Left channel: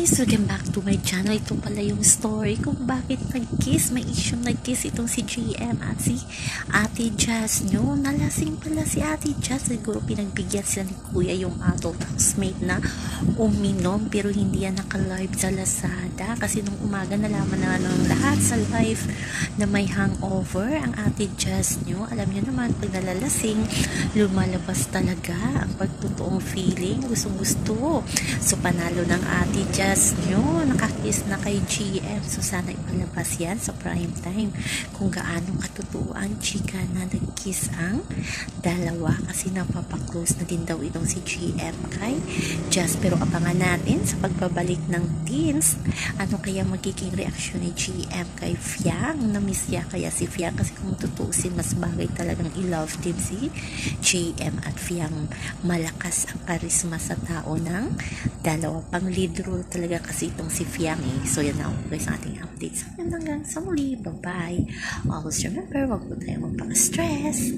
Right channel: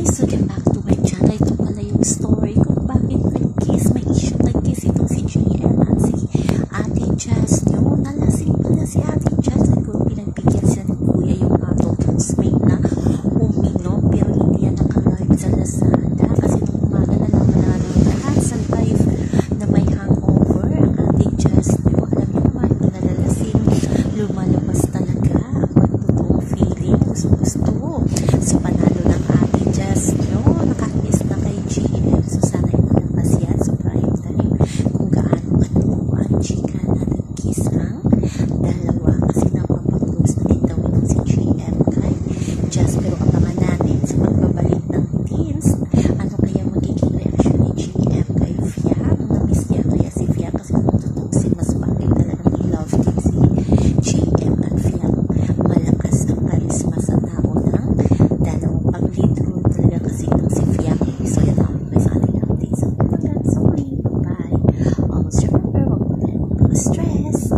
guys! Welcome back to my channel. Ito pala yung story kung bakit nag-kiss. May issue nag-kiss itong si GM at si Ate Jazz nyo. Nalasing pala si Ate Jazz. Siguro pinagbigyan siya ni Kuya yung adult housemate na uminom pero hindi yan naka-live sa Lazada. Kasi nung umaga nalaman na ng lahat sa live na may hangover ang Ate Jazz nyo. Alam niyo naman pag nalalasing, lumalabas talaga ang pagtotoong feeling. Gusto. So panalo ng Ate Jazz nyo. Nakakiss na kay GM. So sana ipalabas yan sa prime time kung gaano katotoo ang chika na nag-kiss ang dalawa. Kasi napapaklose na din daw itong si GM kay Jazz. Pero abangan natin sa pagbabalik ng teens. Ano kaya magiging reaksyon ni GM kay Fiang? Namiss niya kaya si Fiang? Kasi kung tutusin, mas bagay talagang i-love team si GM at Fiang. Malakas ang karisma sa tao ng dalawang pang-lead role talaga kasi itong si Fiang eh. So yan ako guys ang ating update. So hanggang sa muli. Bye-bye. Always remember, wag po tayo magpaka-stress.